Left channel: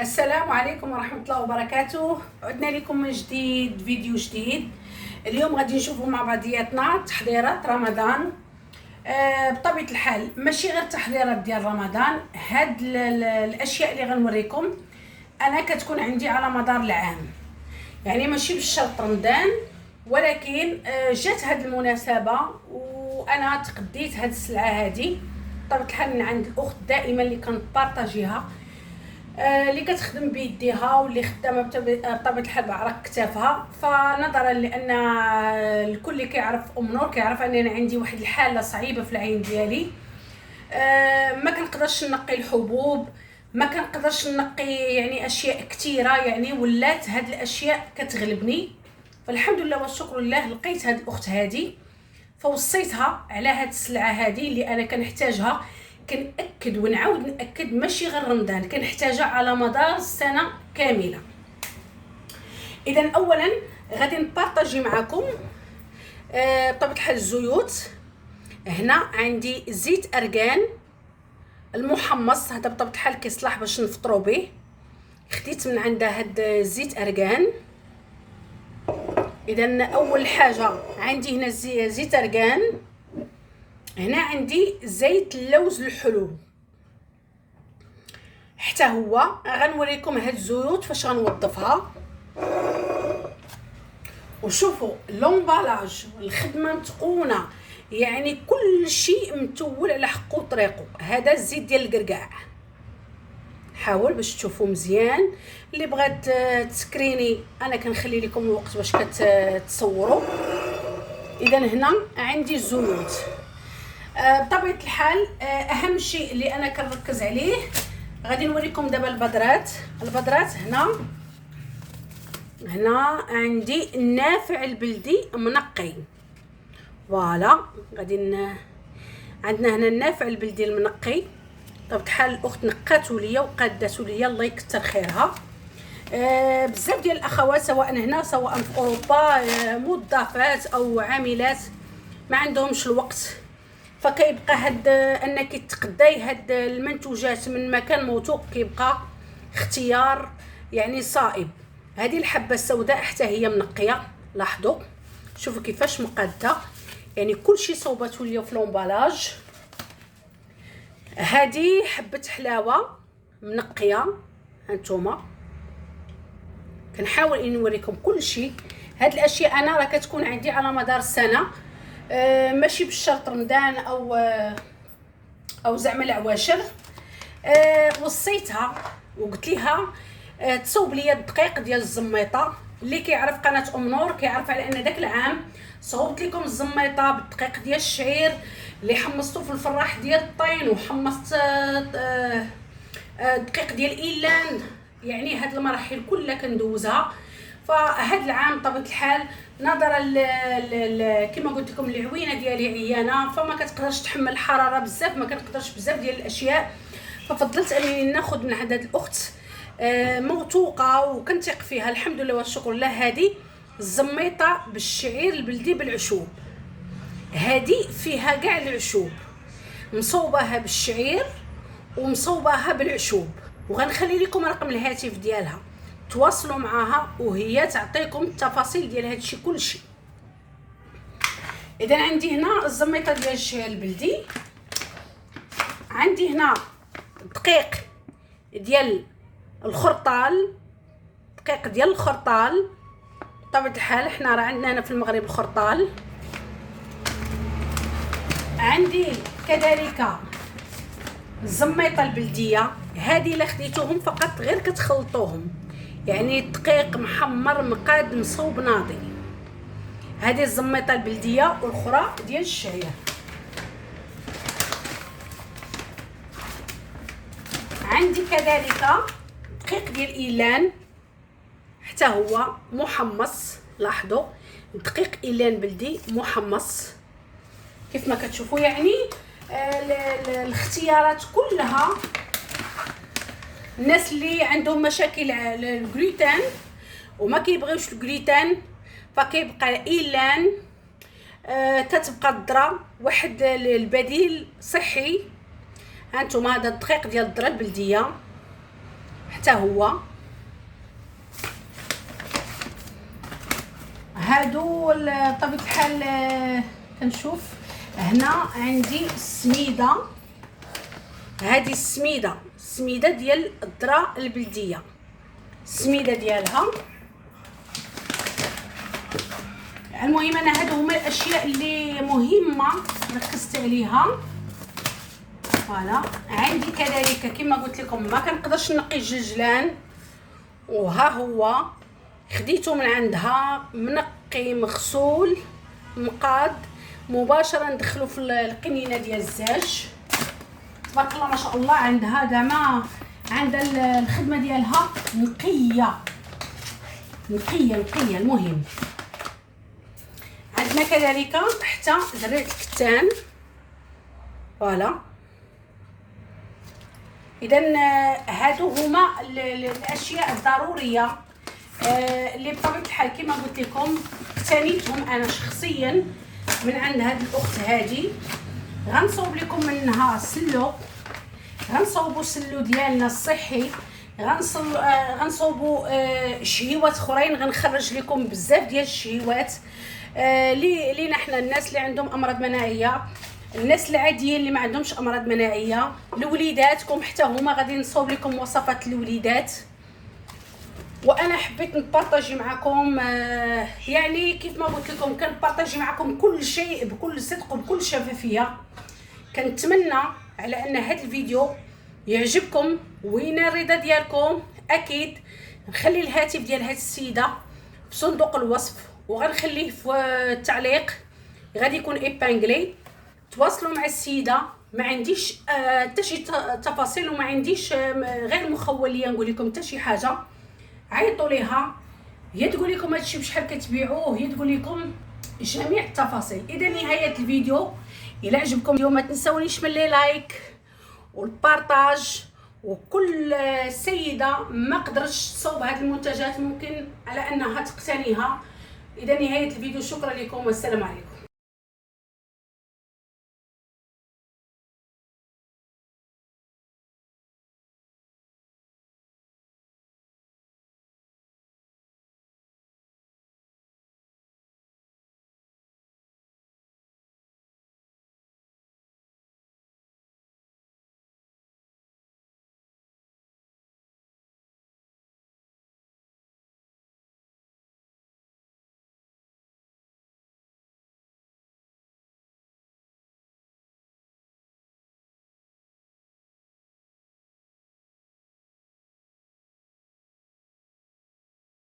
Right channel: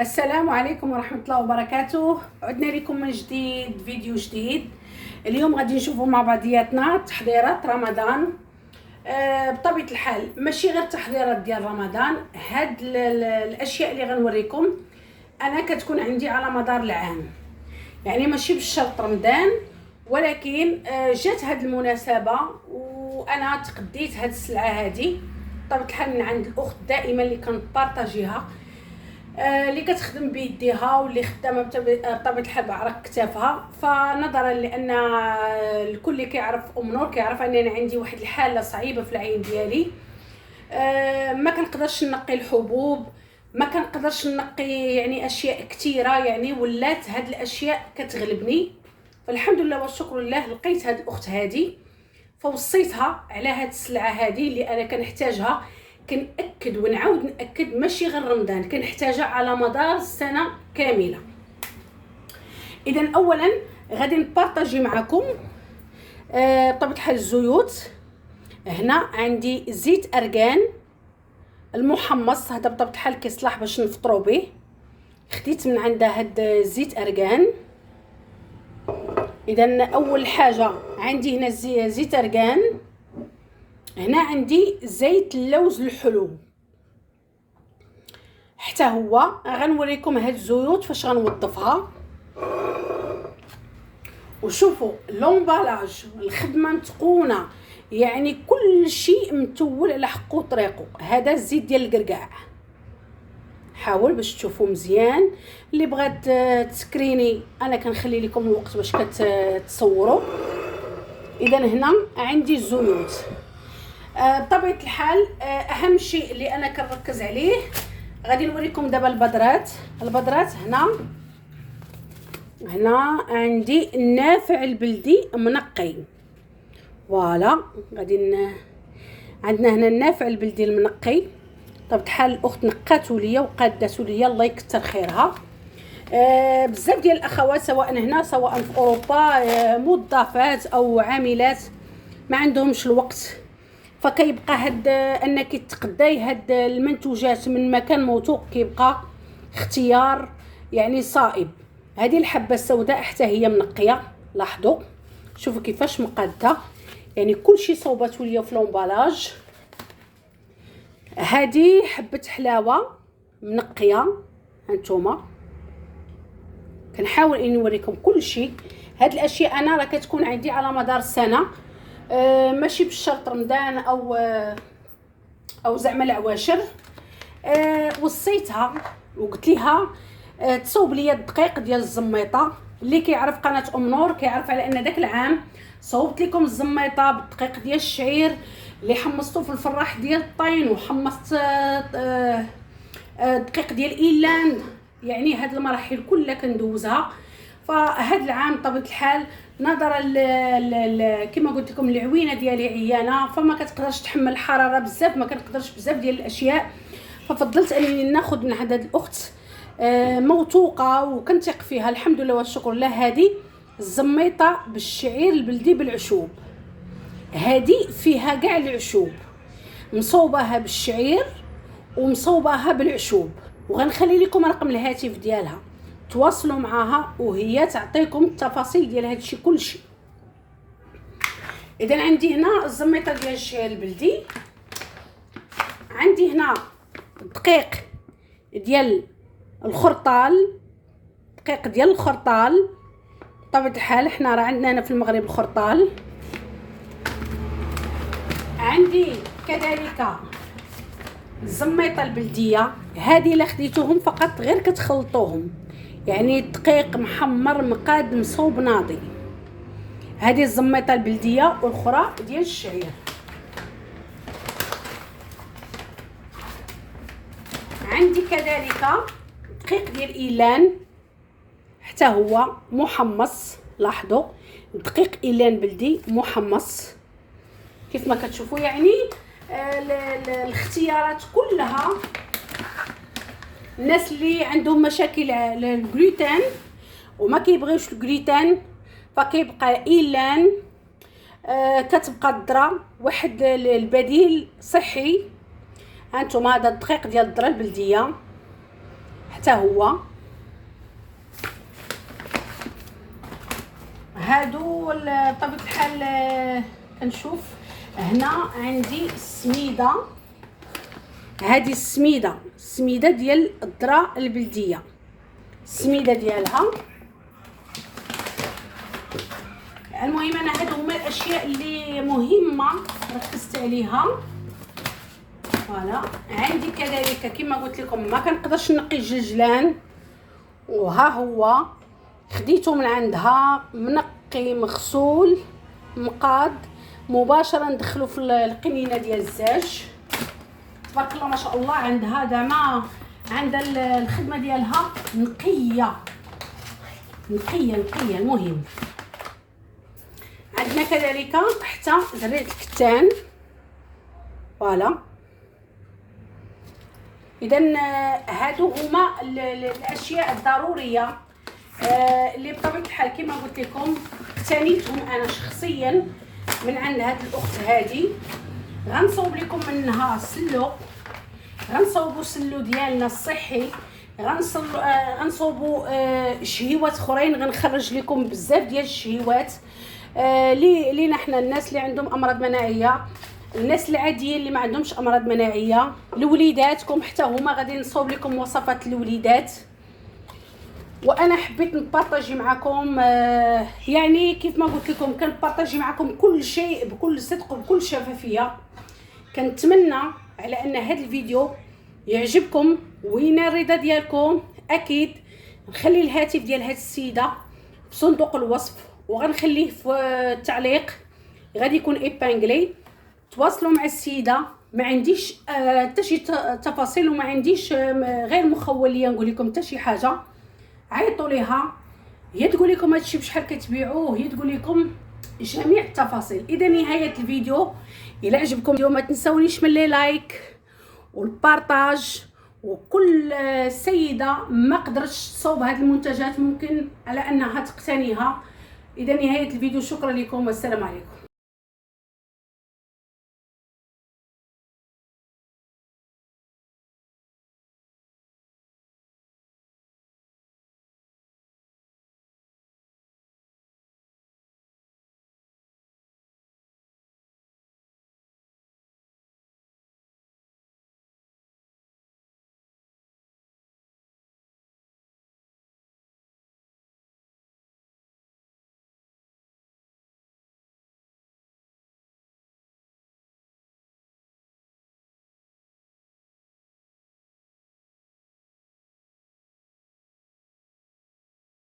السلام عليكم ورحمة الله وبركاته. عدنا لكم من جديد فيديو جديد. اليوم غادي نشوفوا مع بعضياتنا تحضيرات رمضان. بطبيعة الحال ماشي غير تحضيرات ديال رمضان، هاد الاشياء اللي غنوريكم انا كتكون عندي على مدار العام، يعني ماشي بالشرط رمضان، ولكن جات هاد المناسبة وانا تقديت هاد السلعة هادي بطبيعة الحال من عند الاخت دائما اللي كنبارطاجيها، اللي كتخدم بيديها واللي خدامه بطبيعه الحال بعرق كتافها. فنظرا لان الكل اللي كيعرف نور كيعرف اننا عندي واحد الحاله صعيبه في العين ديالي، ما كنقدرش نقي الحبوب، ما كنقدرش نقي يعني اشياء كثيره، يعني ولات هاد الاشياء كتغلبني. فالحمد لله والشكر لله لقيت هاد الاخت هادي، فوصيتها على هاد السلعه هادي اللي انا كنحتاجها. كنأكد ونعاود نأكد ماشي غير رمضان، كنحتاجها على مدار السنه كامله. اذا اولا غادي نبارطاجي معكم بطبيعه الحال الزيوت. هنا عندي زيت ارغان المحمص، هذا بطبيعه الحال كيصلح باش نفطروا به، خديت من عندها هاد زيت ارغان. اذا اول حاجه عندي هنا زيت ارغان، هنا عندي زيت اللوز الحلو، حتى هو غنوريكم هاد الزيوت فاش غنوظفها. وشوفوا لومبالاج، الخدمه متقونه، يعني كل شيء متول على حقه وطريقه. هذا الزيت ديال القرقاع، حاول باش تشوفوا مزيان. اللي بغات تسكريني انا كنخلي لكم الوقت باش كتصوروا. اذا هنا عندي الزيوت. بطبيعه الحال اهم شيء اللي انا كنركز عليه، غادي نوريكم دابا البذرات. هنا عندي النافع البلدي منقي، فوالا عندنا هنا النافع البلدي المنقي. طب الحال الاخت نقاتو ليا وقاداتو ليا، الله يكثر خيرها. بزاف ديال الاخوات سواء هنا سواء في اوروبا، موظفات او عاملات ما عندهمش الوقت، فكيبقى هاد انك تقداي هاد المنتوجات من مكان موثوق كيبقى اختيار يعني صائب. هذه الحبه السوداء حتى هي منقيه، لاحظوا شوفوا كيفاش مقاده، يعني كلشي صوباتو ليا في لومبالاج. هذه حبه حلاوه منقيه، هانتوما كنحاول اني نوريكم كلشي. هاد الاشياء انا راه كتكون عندي على مدار السنه، ماشي بالشرط رمضان او زعما العواشر. وصيتها وقلت لها تصوب لي الدقيق ديال الزميطه. اللي كيعرف قناه نور كيعرف على ان داك العام صوبت لكم الزميطه بالدقيق ديال الشعير اللي حمصته في الفراح ديال الطين، وحمصت دقيق ديال ايلاند. يعني هاد المراحل كلها كندوزها. فهاد العام طبيعه الحال نظرا كما قلت لكم العوينه ديالي عيانه، فما كتقدرش تحمل الحراره بزاف، ما كنقدرش بزاف ديال الاشياء، ففضلت انني ناخذ من عند هاد الاخت موثوقه وكنثق فيها الحمد لله والشكر لله. هذه الزميطه بالشعير البلدي بالعشوب، هذه فيها كاع العشوب، مصوباها بالشعير ومصوباها بالعشوب. وغنخلي لكم رقم الهاتف ديالها تواصلوا معها وهي تعطيكم التفاصيل ديال هادشي كلشي. اذا عندي هنا الزميطه ديال الشعير البلدي، عندي هنا دقيق ديال الخرطال، دقيق ديال الخرطال. بطبيعه الحال حنا راه عندنا هنا في المغرب الخرطال. عندي كذلك الزميطه البلديه، هذه الا خديتوهم فقط غير كتخلطوهم، يعني دقيق محمر مقاد مصوب ناضي. هذه الزميطه البلديه والاخرى ديال الشعير. عندي كذلك دقيق ديال ايلان، حتى هو محمص، لاحظوا دقيق ايلان بلدي محمص كيف ما كتشوفوا. يعني الاختيارات كلها الناس اللي عندهم مشاكل الجلوتين وما كيبغيوش الجلوتين فكيبقى ايلان، كتبقى الذره واحد البديل صحي. هانتوما هذا الدقيق ديال الذره البلديه، حتى هو. هادو بطبيعه الحال كنشوف هنا عندي السميده. هذه السميده ديال الذره البلديه، السميده ديالها. المهم انا هادو هما الاشياء اللي مهمه ركزت عليها. فوالا عندي كذلك كما قلت لكم ما كنقدرش نقي الجلجلان، وها هو خديته من عندها منقي مغسول مقاد مباشره ندخلو في القنينه ديال الزاج. تبارك الله ما شاء الله عندها زعما عندها الخدمه ديالها نقيه. المهم عندنا كذلك حتى زريعه الكتان. فوالا اذا هادو هما الاشياء الضروريه اللي بطبيعه الحال كما قلت لكم اقتنيتهم انا شخصيا من عند هذه الاخت هذه. غنصوب لكم منها السلو، غنصوبوا السلو ديالنا الصحي، غنصوبوا شهيوات اخرين. غنخرج لكم بزاف ديال الشهيوات لينا حنا الناس اللي عندهم امراض مناعيه، الناس العاديين اللي ما عندهمش امراض مناعيه، لوليداتكم حتى هما غادي نصوب لكم وصفات الوليدات. وانا حبيت نبارطاجي معكم يعني كيف ما قلت لكم كنبارطاجي معكم كل شيء بكل صدق وبكل شفافيه. كنتمنى على ان هذا الفيديو يعجبكم وينال الرضا ديالكم. اكيد نخلي الهاتف ديال هذه السيده في صندوق الوصف وغنخليه في التعليق، غادي يكون ايبانغلي. تواصلوا مع السيده، ما عنديش حتى شي تفاصيل وما عنديش غير مخوليه نقول لكم حتى شي حاجه. عيطوا ليها، هي تقول لكم هادشي بشحال كتبيعوه، هي تقول لكم جميع التفاصيل. اذا نهايه الفيديو الى عجبكم اليوم ما تنسونيش من لي لايك والبارطاج. وكل سيده ما قدرتش تصوب هذه المنتجات ممكن على انها تقتنيها. اذا نهايه الفيديو، شكرا لكم والسلام عليكم.